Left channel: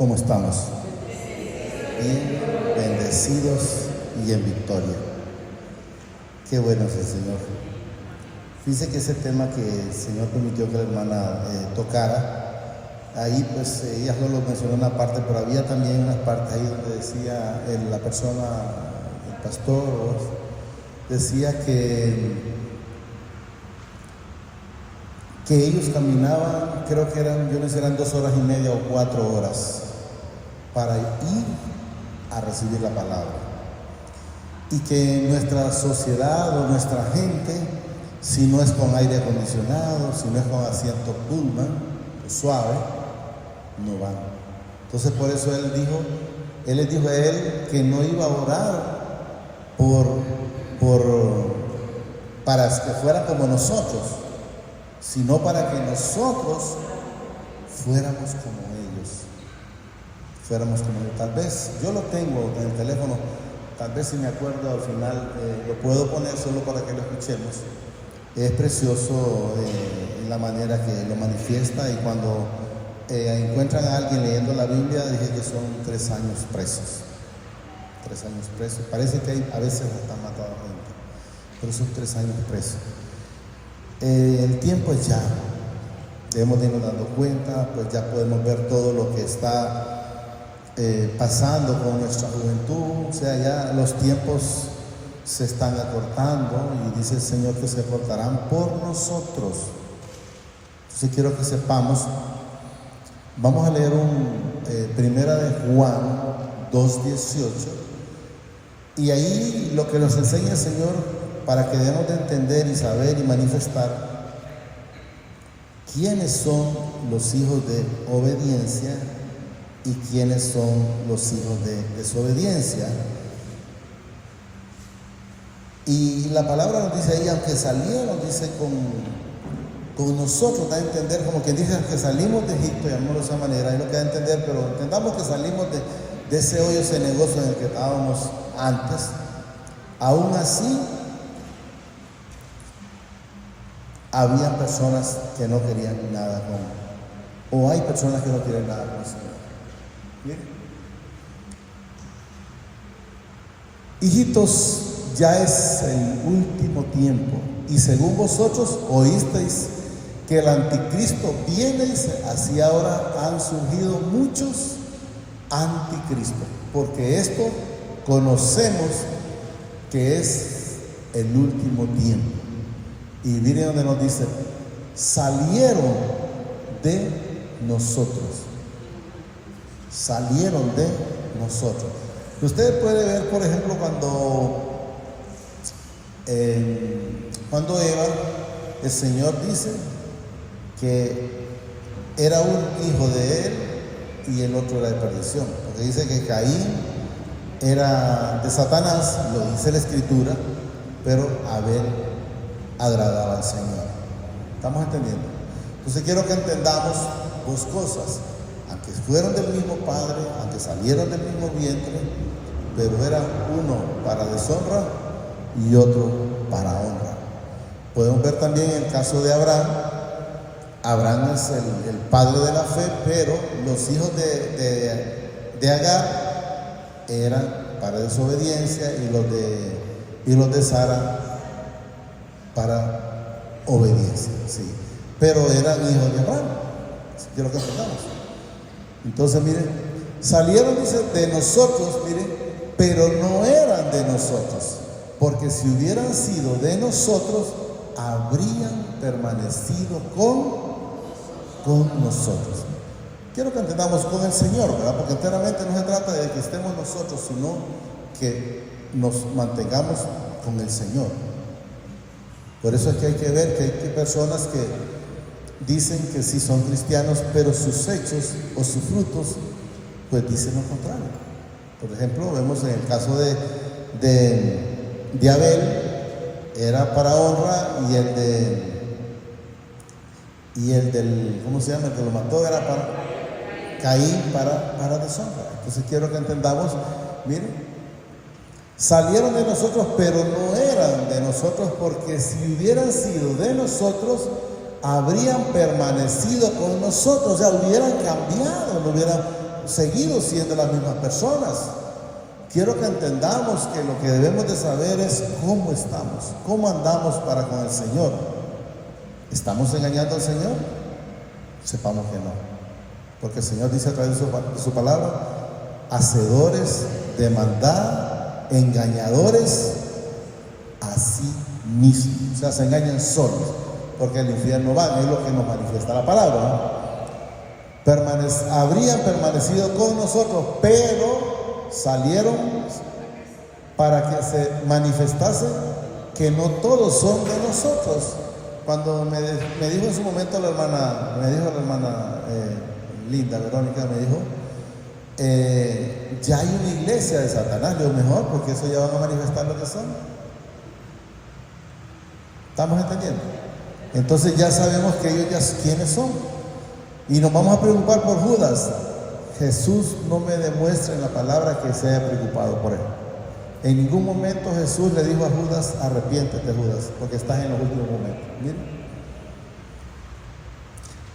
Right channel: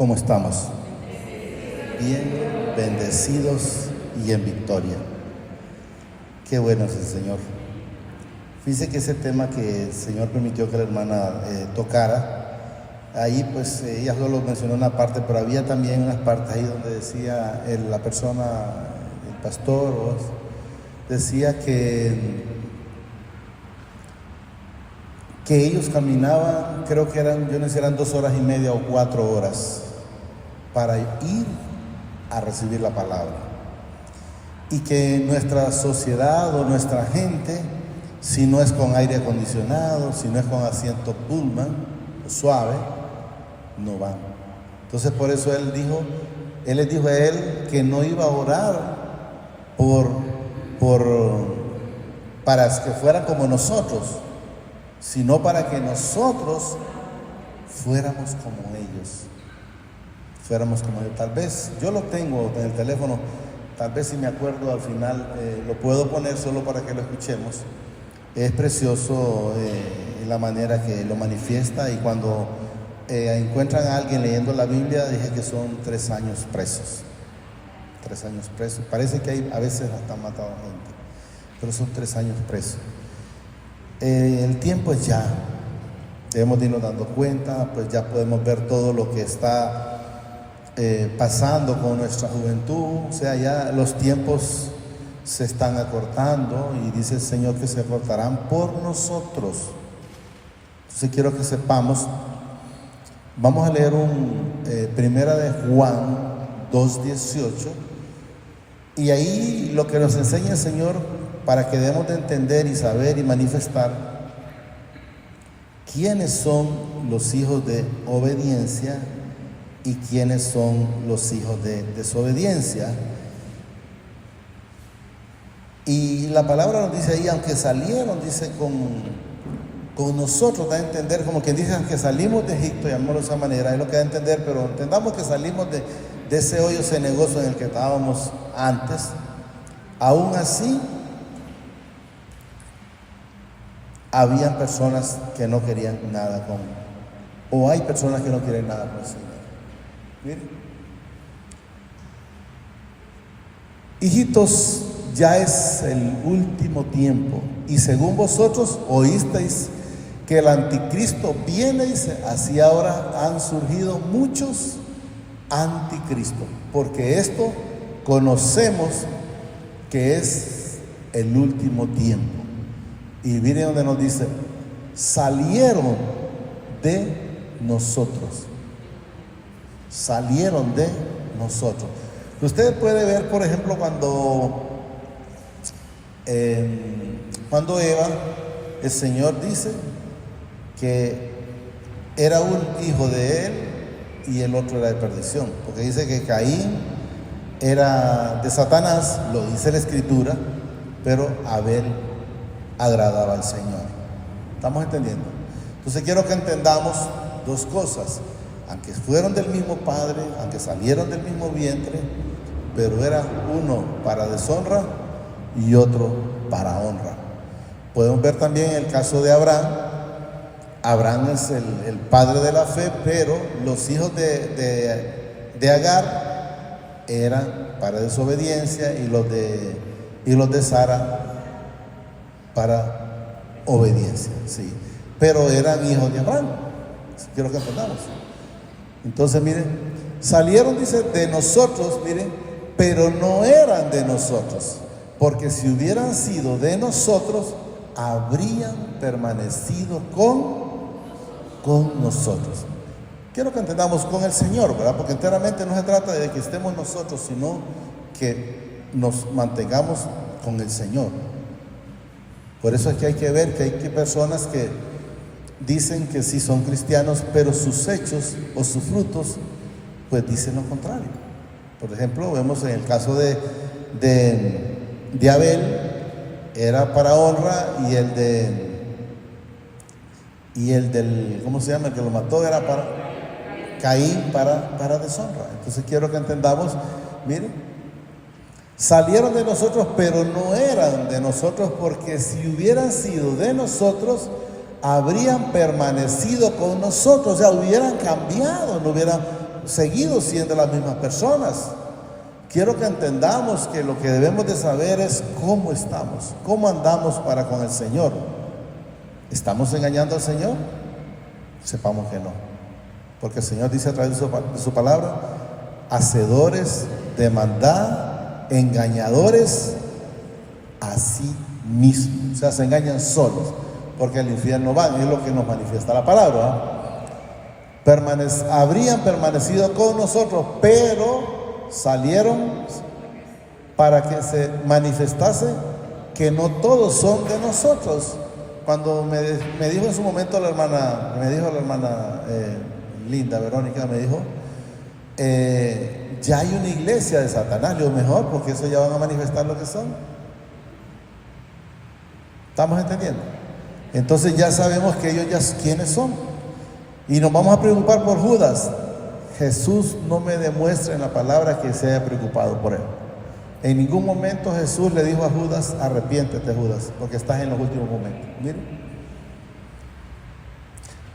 ¿Cómo estamos? Bien, bendecidos y en victoria. Qué bueno es el Señor. Fíjense que ese tema que el Señor permitió que la hermana tocara, ahí pues ella solo mencionó una parte, pero había también unas partes ahí donde decía la persona, el pastor, decía que ellos caminaban, creo que eran, yo no sé, eran 2 horas y media o 4 horas para ir a recibir la palabra. Y que nuestra sociedad o nuestra gente, si no es con aire acondicionado, si no es con asiento pullman, suave, no van. Entonces por eso él les dijo a él que no iba a orar para que fuera como nosotros, sino para que nosotros fuéramos como ellos. Tal vez, yo lo tengo en el teléfono, tal vez si me acuerdo al final, lo puedo poner solo para que lo escuchemos. Es precioso la manera que lo manifiesta, y cuando encuentran a alguien leyendo la Biblia, dije que son 3 años presos. 3 años presos. Parece que a veces hasta han matado a gente, pero son 3 años presos. El tiempo es ya, debemos de irnos dando cuenta, pues ya podemos ver todo lo que está pasando con nuestra juventud. O sea, ya los tiempos se están acortando, y dice el Señor que se acortarán por nosotros. Entonces quiero que sepamos, vamos a leer Primera de Juan 2:18, y ahí lo que nos enseña el Señor, para que debamos de entender y saber y manifestar quiénes son los hijos de obediencia y quiénes son los hijos de desobediencia. Y la palabra nos dice ahí, aunque salieron, dice, con nosotros, da a entender, como que dicen que salimos de Egipto, llamémoslo de esa manera, es lo que da a entender, pero entendamos que salimos de ese hoyo, ese negocio en el que estábamos antes. Aún así, había personas que no querían nada o hay personas que no quieren nada con el Señor. Miren, hijitos, ya es el último tiempo, y según vosotros oísteis que el anticristo viene, y así ahora han surgido muchos anticristos, porque esto conocemos que es el último tiempo. Y miren donde nos dice, salieron de nosotros. Salieron de nosotros. Usted puede ver, por ejemplo, cuando Eva, el Señor dice que era un hijo de él y el otro era de perdición. Porque dice que Caín era de Satanás, lo dice la Escritura, pero Abel agradaba al Señor. ¿Estamos entendiendo? Entonces quiero que entendamos 2 cosas. Aunque fueron del mismo padre, aunque salieron del mismo vientre, pero era uno para deshonra y otro para honra. Podemos ver también el caso de Abraham. Abraham es el padre de la fe, pero los hijos de Agar eran para desobediencia, y los de Sara para obediencia, sí. Pero eran hijos de Abraham. Quiero que entendamos. Entonces, miren, salieron, dice, de nosotros, miren, pero no eran de nosotros, porque si hubieran sido de nosotros, habrían permanecido con nosotros. Quiero que entendamos con el Señor, ¿verdad? Porque enteramente no se trata de que estemos nosotros, sino que nos mantengamos con el Señor. Por eso es que hay que ver que hay personas que dicen que sí son cristianos, pero sus hechos o sus frutos pues dicen lo contrario. Por ejemplo, vemos en el caso de Abel, era para honra, y el del, ¿cómo se llama?, el que lo mató, era para Caín, para deshonra. Entonces quiero que entendamos, miren, salieron de nosotros, pero no eran de nosotros, porque si hubieran sido de nosotros, habrían permanecido con nosotros, o sea, hubieran cambiado, no hubieran seguido siendo las mismas personas. Quiero que entendamos que lo que debemos de saber es cómo estamos, cómo andamos para con el Señor. ¿Estamos engañando al Señor? Sepamos que no. Porque el Señor dice a través de su palabra: hacedores de maldad, engañadores a sí mismos. O sea, se engañan solos, porque al infierno van, es lo que nos manifiesta la palabra, ¿no? Habrían permanecido con nosotros, pero salieron para que se manifestase que no todos son de nosotros. Cuando me dijo en su momento la hermana Linda, Verónica, me dijo, ya hay una iglesia de Satanás. Lo mejor, porque eso ya van a manifestar lo que son. ¿Estamos entendiendo? Entonces ya sabemos que ellos ya quiénes son. Y nos vamos a preocupar por Judas. Jesús no me demuestra en la palabra que se haya preocupado por él. En ningún momento Jesús le dijo a Judas: arrepiéntete, Judas, porque estás en los últimos momentos. Miren.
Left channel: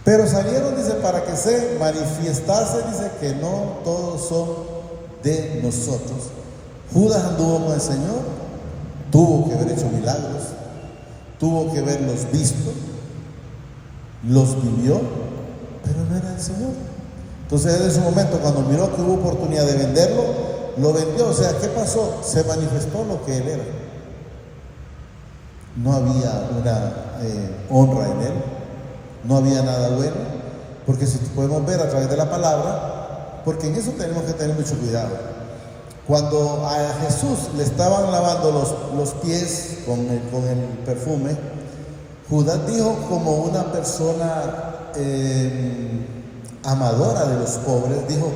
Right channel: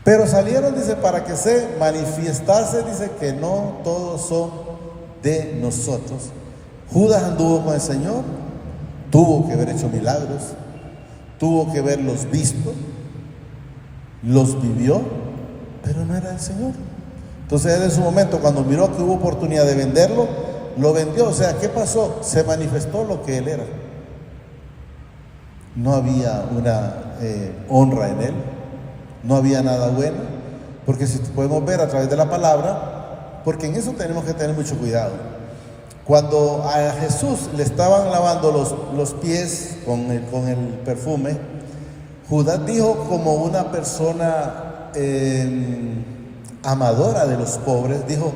Pero salieron, dice, para que se manifestase, dice, que no todos son de nosotros. Judas anduvo con el Señor, tuvo que haber hecho milagros, tuvo que haberlos visto, los vivió, pero no era el Señor. Entonces él en su momento, cuando miró que hubo oportunidad de venderlo, lo vendió. O sea, ¿qué pasó? Se manifestó lo que él era. No había una honra en él, no había nada bueno, porque si podemos ver a través de la palabra, porque en eso tenemos que tener mucho cuidado. Cuando a Jesús le estaban lavando los pies con el perfume, Judas dijo, como una persona amadora de los pobres, dijo:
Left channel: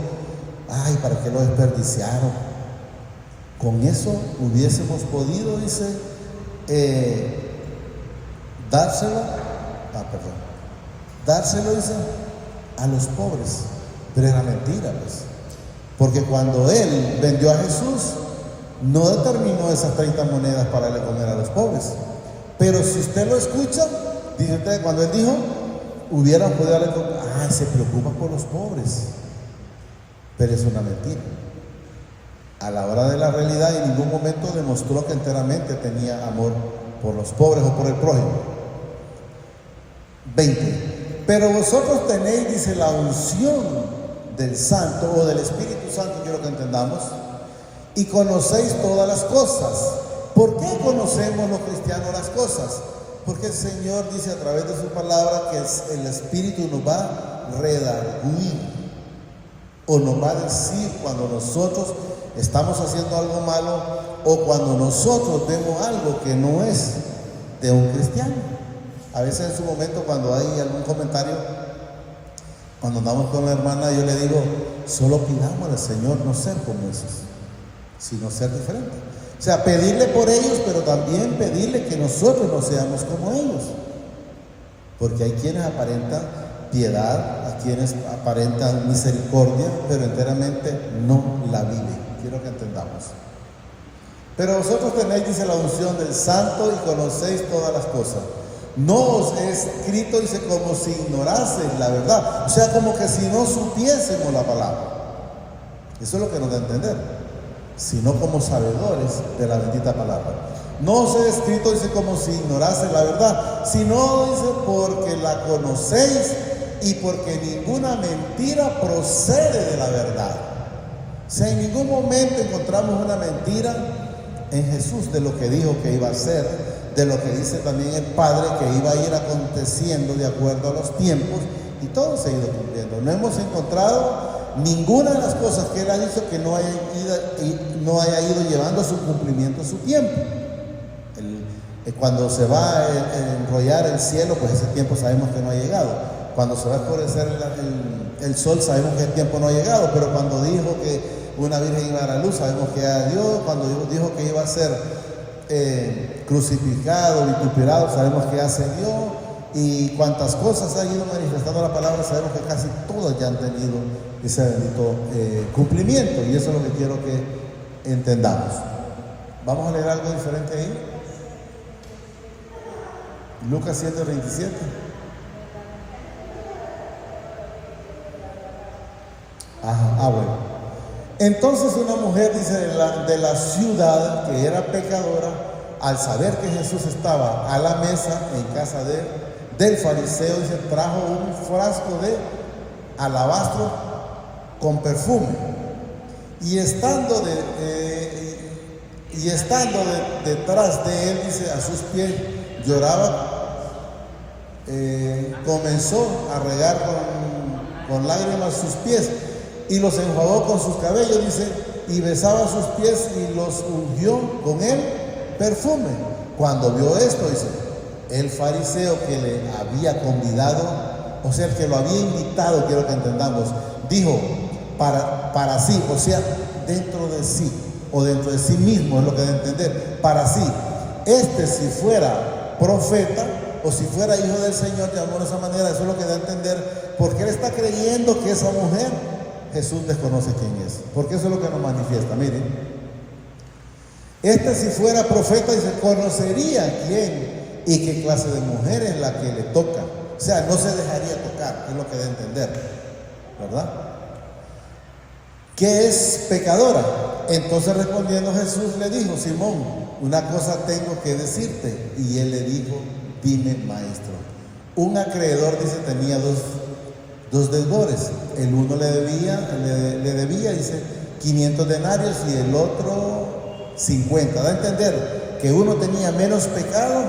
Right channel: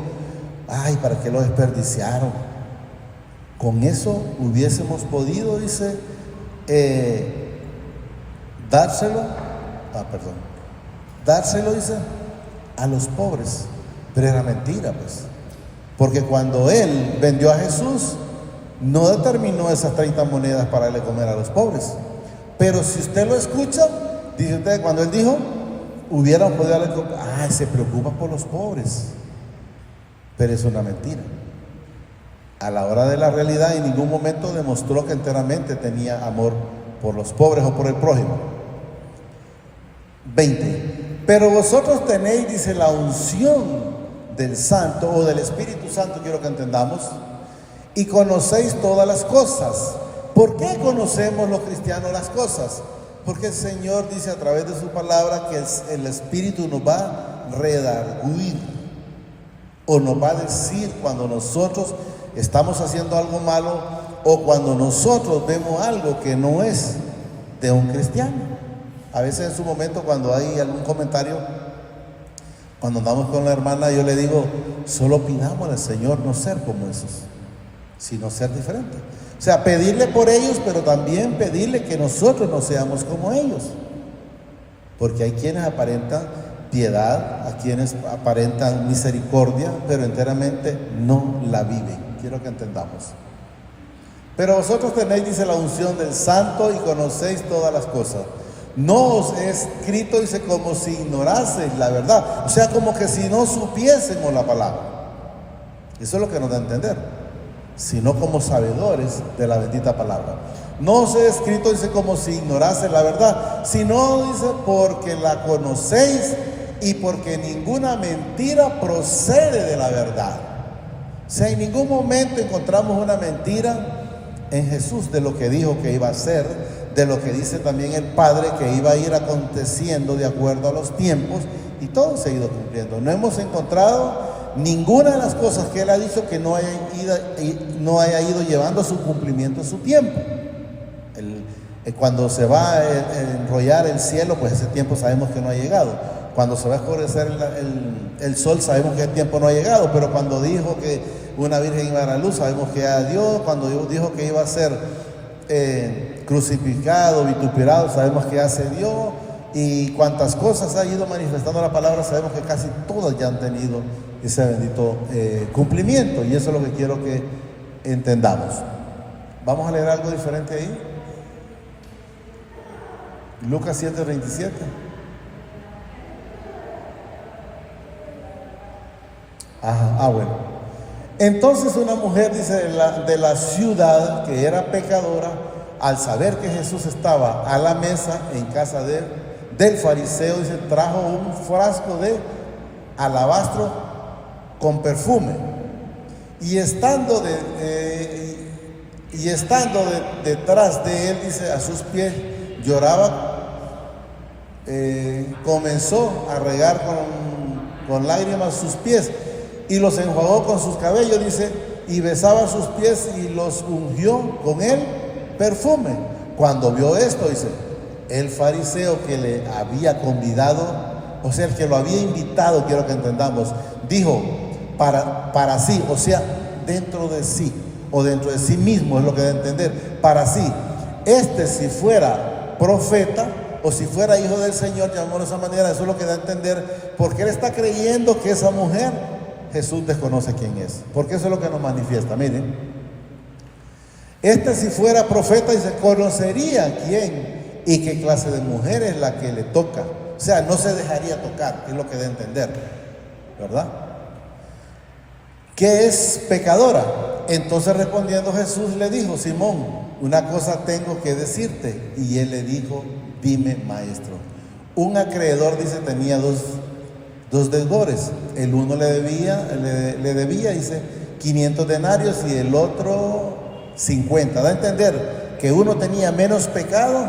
ay, ¿para qué lo desperdiciaron? Con eso hubiésemos podido, dice, dárselo, dice, a los pobres. Pero era mentira, pues, porque cuando él vendió a Jesús, no determinó esas 30 monedas para darle comer a los pobres. Pero si usted lo escucha, dice usted, cuando él dijo, hubieran podido darle comer, se preocupa por los pobres. Pero es una mentira. A la hora de la realidad, en ningún momento demostró que enteramente tenía amor por los pobres o por el prójimo. 20. Pero vosotros tenéis, dice, la unción del Santo o del Espíritu Santo, quiero que entendamos, y conocéis todas las cosas. ¿Por qué conocemos los cristianos las cosas? Porque el Señor dice a través de su palabra que el Espíritu nos va a redarguir, o nos va a decir cuando nosotros estamos haciendo algo malo, o cuando nosotros vemos algo que no es de un cristiano. A veces en su momento, cuando hay algún comentario, cuando andamos con la hermana, yo le digo: solo pidamos al Señor no ser como esos, sino ser diferente. O sea, pedirle por ellos, pero también pedirle que nosotros no seamos como ellos. Porque hay quienes aparentan piedad, a quienes aparentan misericordia, pero enteramente no la viven. Quiero que entendamos. Pero vosotros tenéis, dice, la unción del Santo y conocéis todas las cosas. No os he escrito, dice, como si ignoraseis la verdad. O sea, como que si no supiésemos la palabra. Eso es lo que nos da a entender. Sino como sabedores de la bendita palabra. No os he escrito, dice, como si ignoraseis la verdad, sino, dice, porque la conocéis y porque ninguna mentira procede de la verdad. O sea, en ningún momento encontramos una mentira en Jesús de lo que dijo que iba a hacer, de lo que dice también el Padre que iba a ir aconteciendo de acuerdo a los tiempos, y todo se ha ido cumpliendo. No hemos encontrado ninguna de las cosas que Él ha dicho que no haya ido llevando a su cumplimiento su tiempo. Cuando se va a enrollar el cielo, pues ese tiempo sabemos que no ha llegado. Cuando se va a oscurecer el sol, sabemos que el tiempo no ha llegado. Pero cuando dijo que una virgen iba a la luz, sabemos que ya dio. Cuando dijo que iba a ser crucificado, vituperado, sabemos que ya se dio. Y cuantas cosas ha ido manifestando la palabra, sabemos que casi todas ya han tenido ese bendito cumplimiento. Y eso es lo que quiero que entendamos. Vamos a leer algo diferente ahí. Lucas 7:27. Bueno. Entonces una mujer, dice, de la ciudad, que era pecadora, al saber que Jesús estaba a la mesa en casa del fariseo, dice, trajo un frasco de alabastro con perfume. Y estando detrás de él, dice, a sus pies, lloraba, comenzó a regar con lágrimas sus pies y los enjuagó con sus cabellos, dice, y besaba sus pies y los ungió con el perfume. Cuando vio esto, dice, el fariseo que le había convidado, o sea, el que lo había invitado, quiero que entendamos, dijo para sí, o sea, dentro de sí, o dentro de sí mismo, es lo que debe entender, para sí, si fuera profeta, o si fuera hijo del Señor, de alguna manera, eso es lo que da a entender, porque él está creyendo que esa mujer, Jesús desconoce quién es, porque eso es lo que nos manifiesta. Miren, si fuera profeta, se conocería quién y qué clase de mujer es la que le toca, o sea, no se dejaría tocar, es lo que da a entender, ¿verdad? Que es pecadora. Entonces respondiendo Jesús le dijo, Simón, una cosa tengo que decirte. Y él le dijo, dime, maestro. Un acreedor, dice, tenía dos deudores. El uno le debía, dice, 500 denarios y el otro 50. Da a entender que uno tenía menos pecado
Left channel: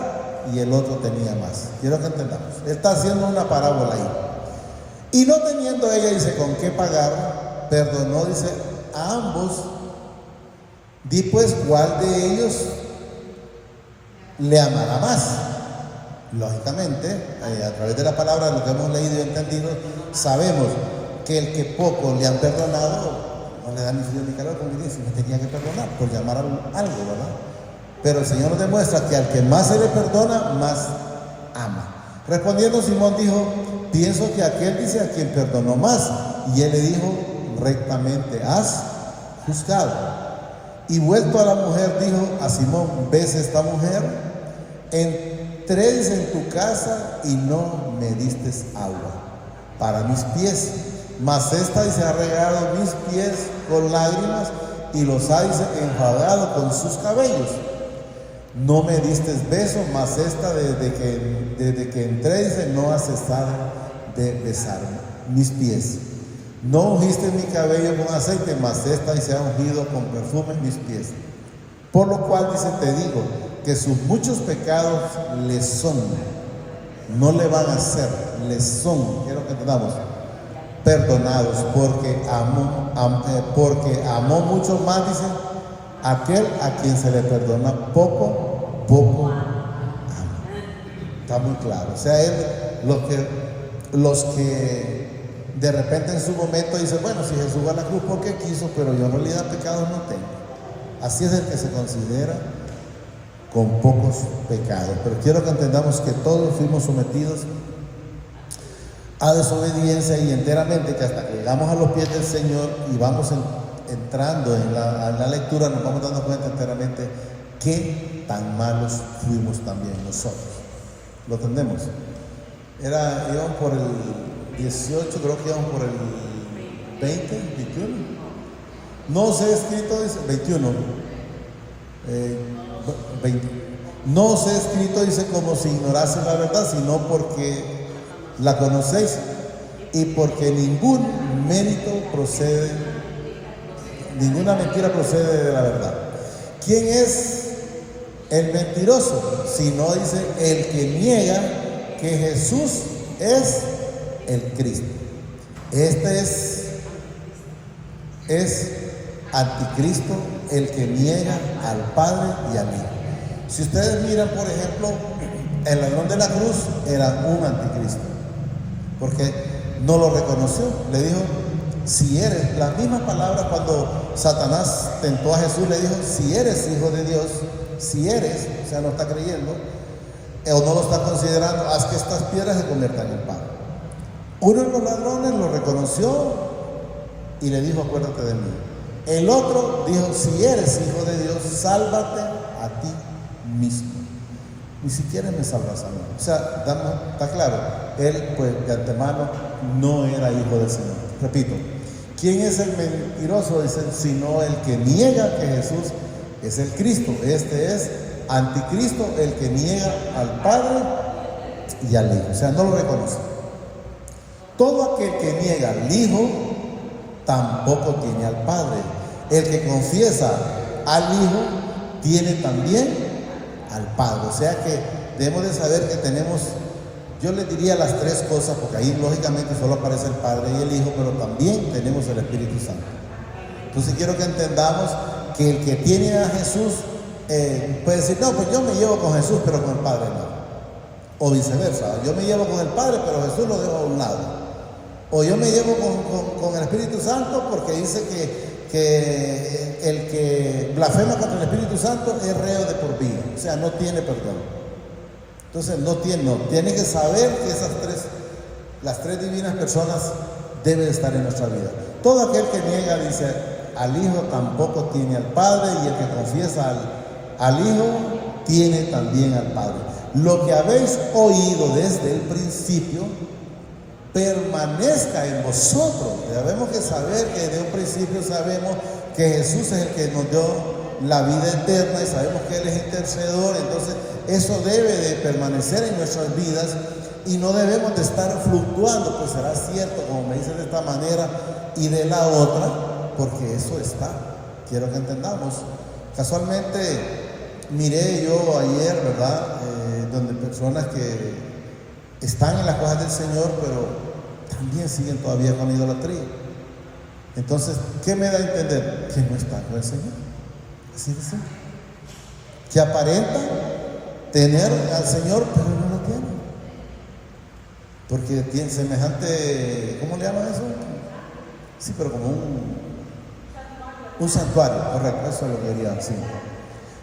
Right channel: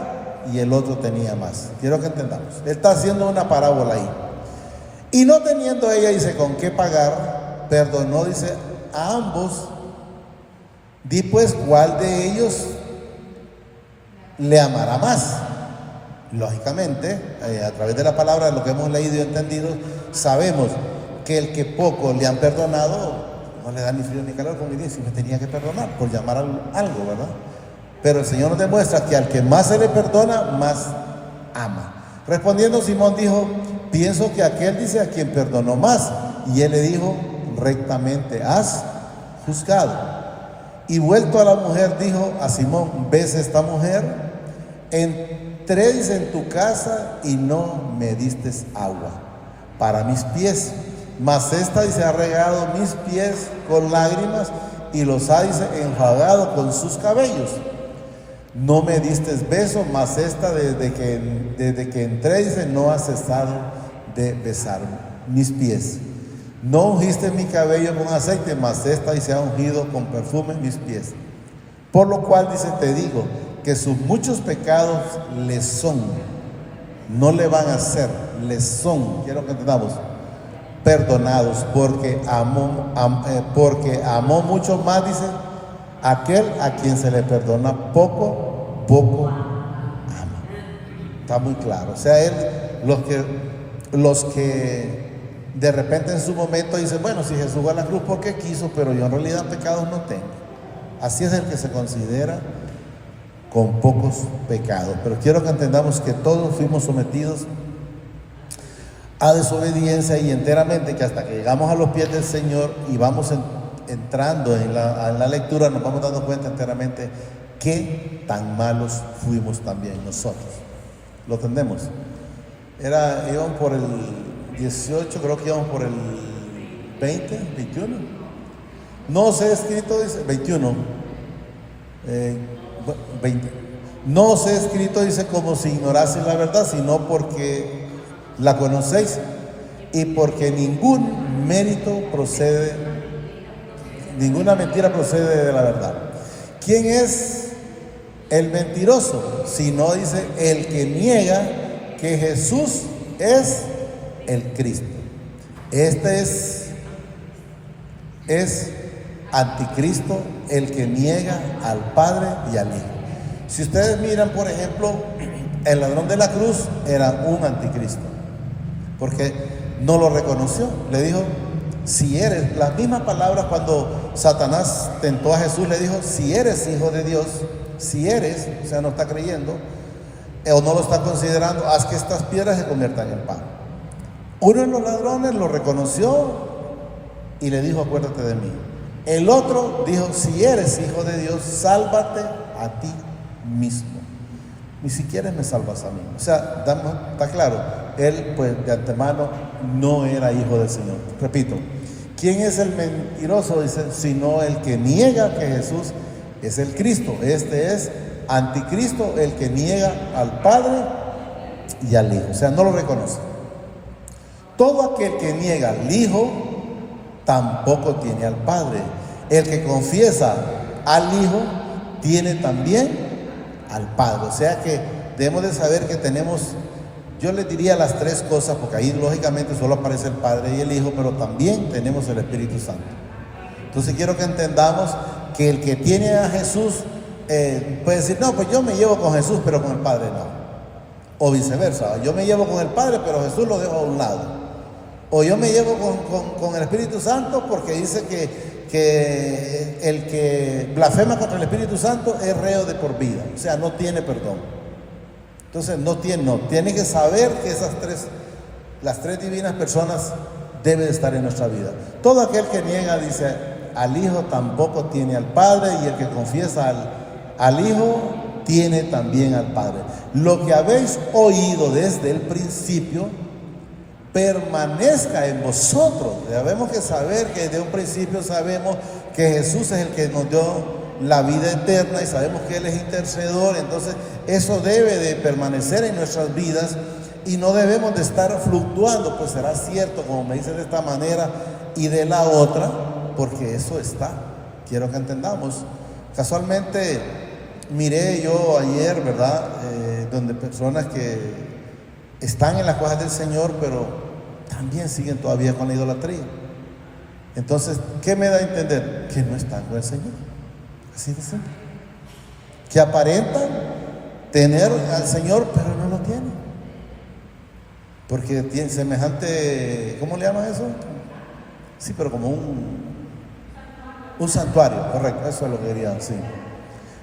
y el otro tenía más. Quiero que entendamos. Él está haciendo una parábola ahí. Y no teniendo ella, dice, con qué pagar, perdonó, dice, a ambos. Di pues, ¿cuál de ellos le amará más? Lógicamente, a través de la palabra, lo que hemos leído y entendido, sabemos que el que poco le han perdonado, no le da ni frío ni calor, como dice, no tenía que perdonar, por llamar algo, ¿verdad? Pero el Señor nos demuestra que al que más se le perdona, más ama. Respondiendo Simón dijo, pienso que aquel, dice, a quien perdonó más. Y él le dijo, rectamente has juzgado. Y vuelto a la mujer dijo a Simón, ¿ves esta mujer? Entré, dice, en tu casa y no me diste agua para mis pies, mas esta, dice, ha regado mis pies con lágrimas y los ha, dice, enjuagado con sus cabellos. No me diste beso, mas esta desde que entré, dice, no ha cesado de besar mis pies. No ungiste mi cabello con aceite, mas esta, dice, ha ungido con perfume mis pies. Por lo cual, dice, te digo que sus muchos pecados les son, no le van a hacer, les son, quiero que entendamos, perdonados, porque amó mucho más, dice, aquel a quien se le perdona poco ama. Está muy claro. O sea, los que de repente en su momento dicen, bueno, si Jesús va a la cruz porque quiso, pero yo en realidad pecados no tengo. Así es el que se considera con pocos pecados. Pero quiero que entendamos que todos fuimos sometidos a desobediencia y enteramente, que hasta que llegamos a los pies del Señor y vamos entrando en la lectura, nos vamos dando cuenta enteramente qué tan malos fuimos también nosotros. ¿Lo entendemos? Íbamos por el 18, creo que íbamos por el 20, 21. No os he escrito, dice, 21. 20. No os he escrito, dice, como si ignoraseis la verdad, sino porque la conocéis y porque ningún mérito procede, ninguna mentira procede de la verdad. ¿Quién es el mentiroso? Sino, dice, el que niega que Jesús es el Cristo. Este es anticristo, el que niega al Padre y al Hijo. Si ustedes miran, por ejemplo, el ladrón de la cruz era un anticristo, porque no lo reconoció. Le dijo, si eres, la misma palabra cuando Satanás tentó a Jesús, le dijo, si eres hijo de Dios, si eres, o sea, no está creyendo, o no lo está considerando, haz que estas piedras se conviertan en pan. Uno de los ladrones lo reconoció y le dijo, acuérdate de mí. El otro dijo, si eres hijo de Dios, sálvate a ti mismo. Ni siquiera me salvas a mí. O sea, está claro, él pues de antemano no era hijo del Señor. Repito, ¿Quién es el mentiroso? Dice, sino el que niega que Jesús es el Cristo. Este es anticristo, el que niega al Padre y al Hijo. O sea, no lo reconoce. Todo aquel que niega al Hijo tampoco tiene al Padre. El que confiesa al Hijo tiene también al Padre. O sea que debemos de saber que tenemos, yo les diría las tres cosas, porque ahí lógicamente solo aparece el Padre y el Hijo, pero también tenemos el Espíritu Santo. Entonces quiero que entendamos que el que tiene a Jesús puede decir, no, pues yo me llevo con Jesús, pero con el Padre no. O viceversa, yo me llevo con el Padre, pero Jesús lo dejo a un lado. O yo me llevo con el Espíritu Santo porque dice que el que blasfema contra el Espíritu Santo es reo de por vida, o sea, no tiene perdón. Entonces tiene que saber que las tres divinas personas deben estar en nuestra vida. Todo aquel que niega, dice, al Hijo tampoco tiene al Padre, y el que confiesa al Hijo tiene también al Padre. Lo que habéis oído desde el principio permanezca en vosotros. Debemos que saber que desde un principio sabemos que Jesús es el que nos dio la vida eterna y sabemos que Él es intercedor. Entonces eso debe de permanecer en nuestras vidas y no debemos de estar fluctuando, pues será cierto, como me dicen de esta manera y de la otra, porque eso está. Quiero que entendamos. Casualmente miré yo ayer, ¿verdad? Donde personas que están en las cosas del Señor, pero también siguen todavía con la idolatría. Entonces, ¿qué me da a entender? Que no están con el Señor. Así de simple. Que aparentan tener al Señor, pero no lo tienen. Porque tienen semejante, ¿cómo le llaman eso? Sí, pero como un santuario, correcto, eso lo quería decir.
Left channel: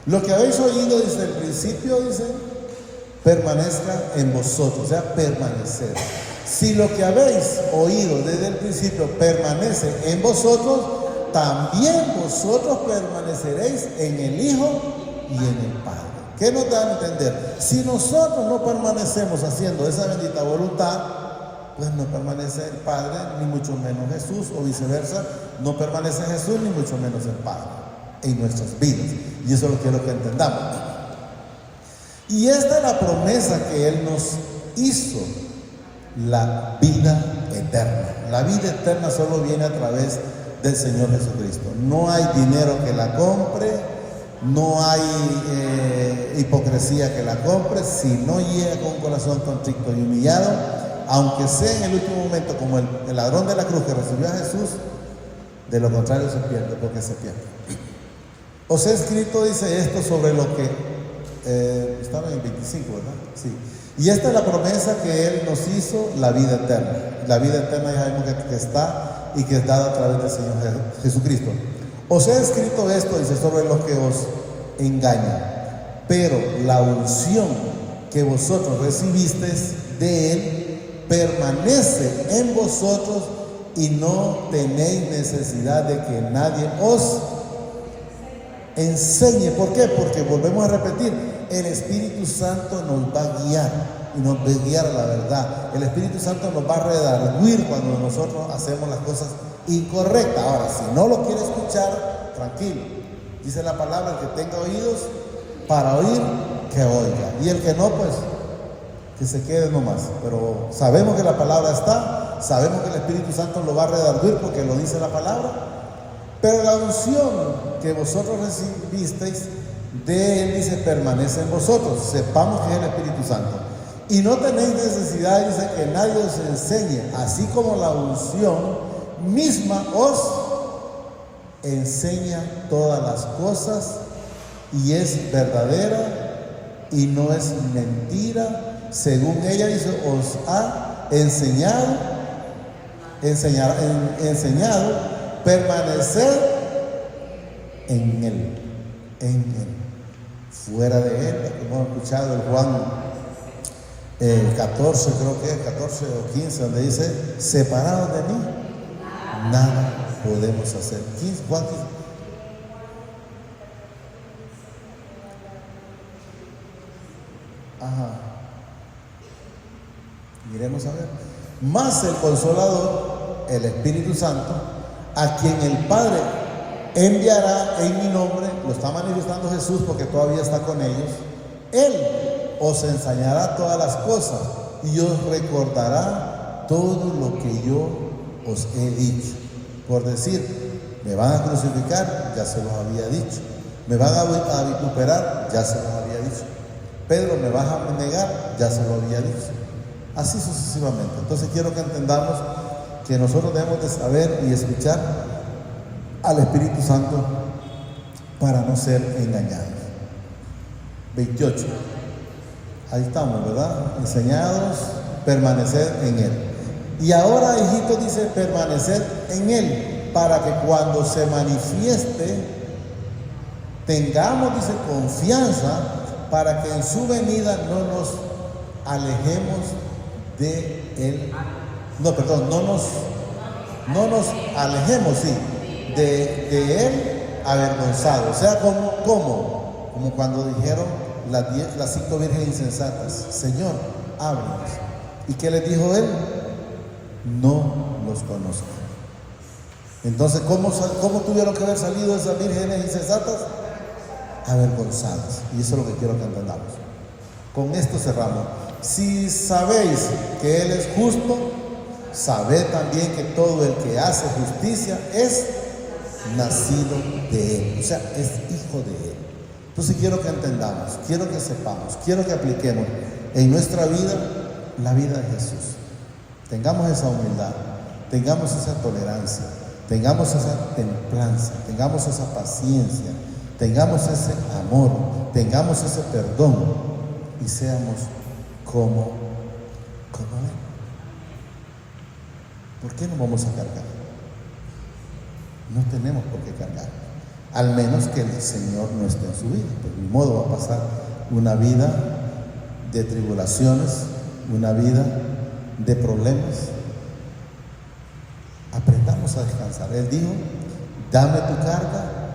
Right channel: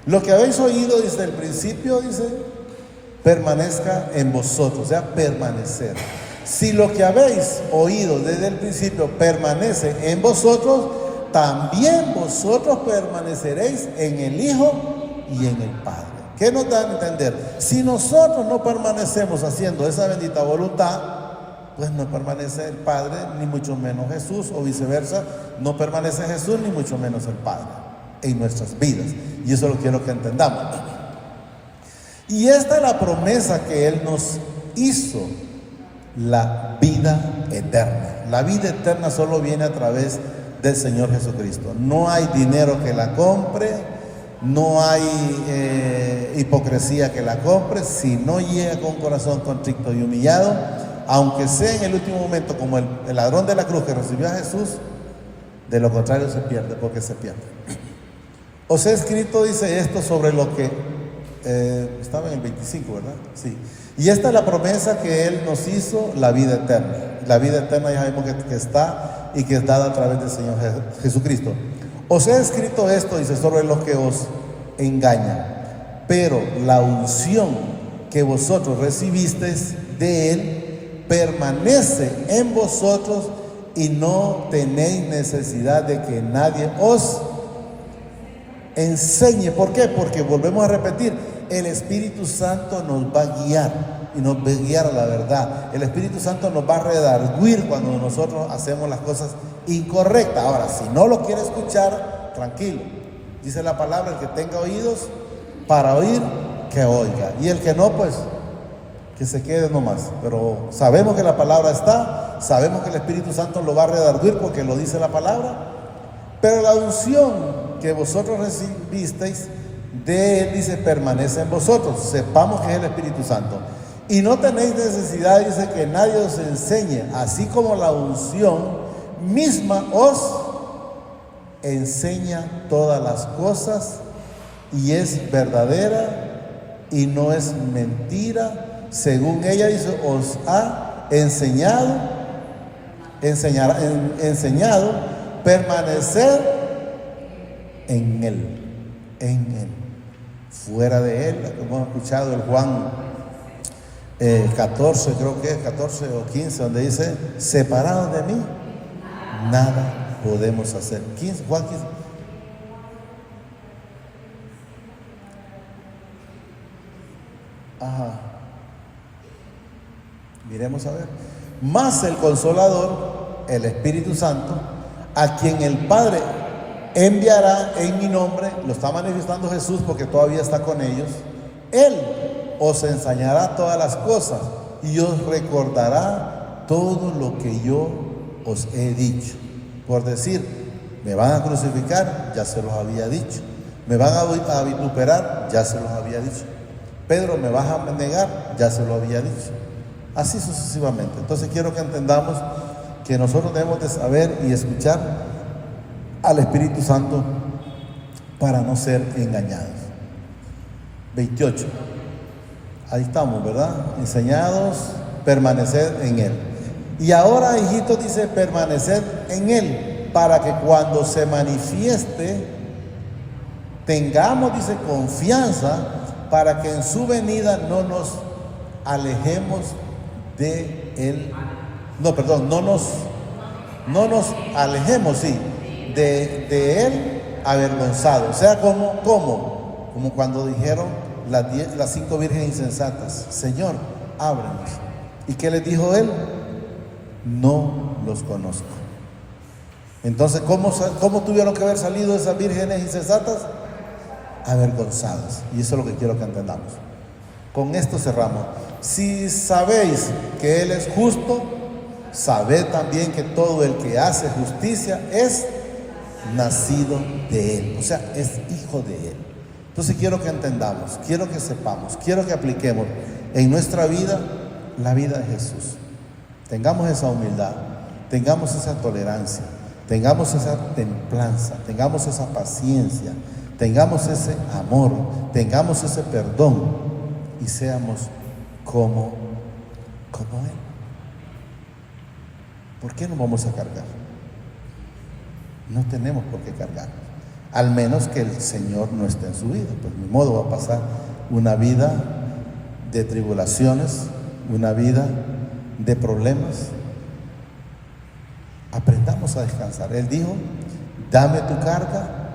Lo que habéis oído desde el principio, dice, permanezca en vosotros, o sea, permanecer. Si lo que habéis oído desde el principio permanece en vosotros, también vosotros permaneceréis en el Hijo y en el Padre. ¿Qué nos da a entender? Si nosotros no permanecemos haciendo esa bendita voluntad, pues no permanece el Padre, ni mucho menos Jesús, o viceversa, no permanece Jesús, ni mucho menos el Padre en nuestras vidas. Y eso lo quiero que entendamos. Y esta es la promesa que Él nos hizo, la vida eterna. La vida eterna solo viene a través del Señor Jesucristo. No hay dinero que la compre, no hay hipocresía que la compre. Si no llega con un corazón contrito y humillado, aunque sea en el último momento como el ladrón de la cruz que recibió a Jesús, de lo contrario se pierde, porque se pierde. Os he escrito, dice esto, sobre lo que estaba en el 25, ¿verdad? Sí. Y esta es la promesa que Él nos hizo, la vida eterna. La vida eterna ya sabemos que está y que es dada a través del Señor Jesucristo. Os he escrito esto, dice, sobre lo que os engaña. Pero la unción que vosotros recibisteis de Él permanece en vosotros y no tenéis necesidad de que nadie os enseñe. ¿Por qué? Porque volvemos a repetir, el Espíritu Santo nos va a guiar y nos va a guiar a la verdad. El Espíritu Santo nos va a redarguir cuando nosotros hacemos las cosas incorrectas. Ahora, si no lo quiere escuchar, tranquilo. Dice la palabra, el que tenga oídos para oír, que oiga. Y el que no, pues, que se quede nomás. Pero sabemos que la palabra está, sabemos que el Espíritu Santo lo va a redarguir porque lo dice la palabra. Pero la unción que vosotros recibisteis de Él, dice, permanece en vosotros. Sepamos que es el Espíritu Santo. Y no tenéis necesidad, dice, que nadie os enseñe, así como la unción misma os enseña todas las cosas y es verdadera y no es mentira, según ella dice, os ha enseñado permanecer en Él. Fuera de Él, hemos escuchado el Juan 14, creo que es 14 o 15, donde dice, separados de mí, nada podemos hacer. 15, Juan 15. Ajá. Miremos a ver. Más el Consolador, el Espíritu Santo, a quien el Padre enviará en mi nombre, lo está manifestando Jesús porque todavía está con ellos, Él os enseñará todas las cosas y os recordará todo lo que yo os he dicho. Por decir, me van a crucificar, ya se los había dicho. Me van a vituperar, ya se los había dicho. Pedro, me vas a negar, ya se lo había dicho. Así sucesivamente. Entonces quiero que entendamos que nosotros debemos de saber y escuchar al Espíritu Santo para no ser engañados. 28. Ahí estamos, ¿verdad? Enseñados, permanecer en Él. Y ahora, hijitos, dice permanecer en Él, para que cuando se manifieste, tengamos, dice, confianza, para que en su venida no nos alejemos de Él. No, perdón, no nos alejemos, sí, de Él avergonzados. O sea, como cuando dijeron las 5 vírgenes insensatas, Señor, háblanos. ¿Y qué les dijo Él? No los conozco. Entonces, ¿cómo tuvieron que haber salido esas vírgenes insensatas? Avergonzadas. Y eso es lo que quiero que entendamos. Con esto cerramos. Si sabéis que Él es justo, sabed también que todo el que hace justicia es nacido de Él, o sea, es hijo de Él. Entonces quiero que entendamos, quiero que sepamos, quiero que apliquemos en nuestra vida la vida de Jesús. Tengamos esa humildad, tengamos esa tolerancia, tengamos esa templanza, tengamos esa paciencia, tengamos ese amor, tengamos ese perdón y seamos como Él. ¿Por qué no vamos a cargar? No tenemos por qué cargar, al menos que el Señor no esté en su vida. Pues ni modo, va a pasar una vida de tribulaciones, una vida de problemas. Aprendamos a descansar. Él dijo, dame tu carga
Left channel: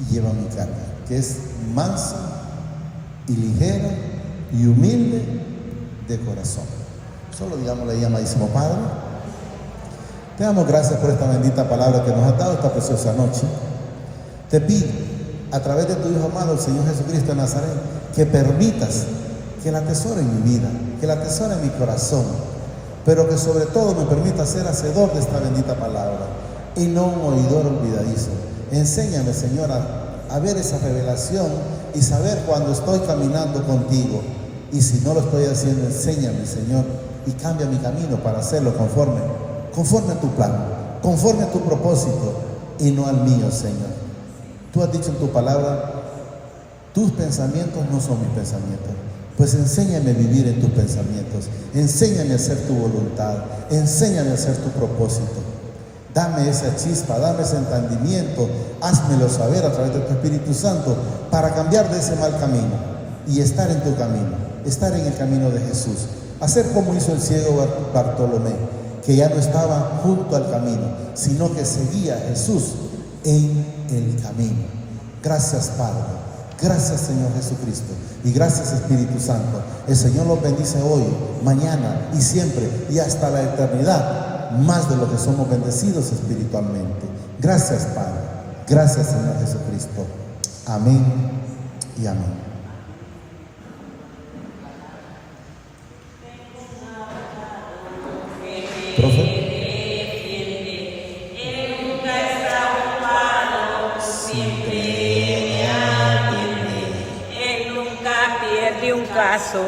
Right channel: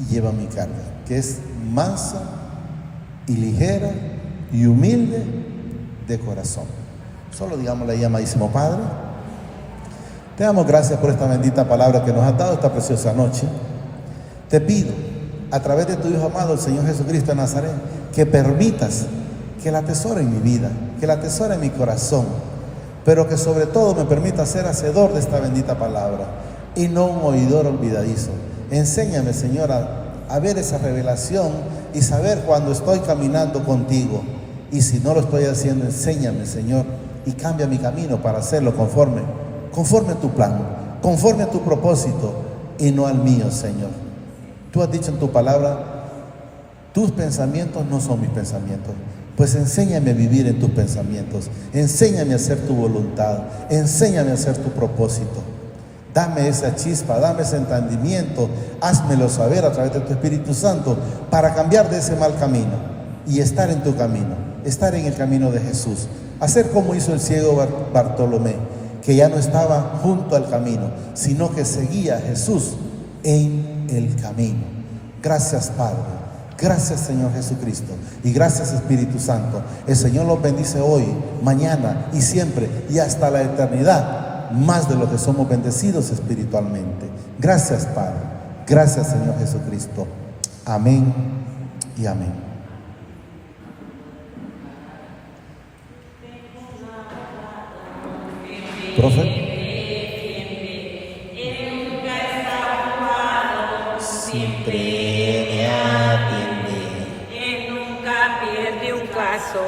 y lleva mi carga, que es mansa y ligera y humilde de corazón. Solo digámosle ahí, amadísimo Padre, te damos gracias por esta bendita palabra que nos has dado esta preciosa noche. Te pido, a través de tu Hijo amado, el Señor Jesucristo de Nazaret, que permitas que la atesore en mi vida, que la atesore en mi corazón, pero que sobre todo me permita ser hacedor de esta bendita palabra y no un oidor olvidadizo. Enséñame, Señor, a ver esa revelación y saber cuando estoy caminando contigo. Y si no lo estoy haciendo, enséñame, Señor, y cambia mi camino para hacerlo conforme a tu plan, conforme a tu propósito y no al mío, Señor. Tú has dicho en tu palabra, tus pensamientos no son mis pensamientos. Pues enséñame a vivir en tus pensamientos, enséñame a hacer tu voluntad, enséñame a hacer tu propósito. Dame esa chispa, dame ese entendimiento, házmelo saber a través de tu Espíritu Santo para cambiar de ese mal camino y estar en tu camino, estar en el camino de Jesús. Hacer como hizo el ciego Bartolomé, que ya no estaba junto al camino, sino que seguía a Jesús en el camino. Gracias, Padre. Gracias, Señor Jesucristo. Y gracias, Espíritu Santo. El Señor los bendice hoy, mañana y siempre y hasta la eternidad, más de lo que somos bendecidos espiritualmente. Gracias, Padre. Gracias, Señor Jesucristo. Amén y amén. Profe. Él nunca pierde un caso.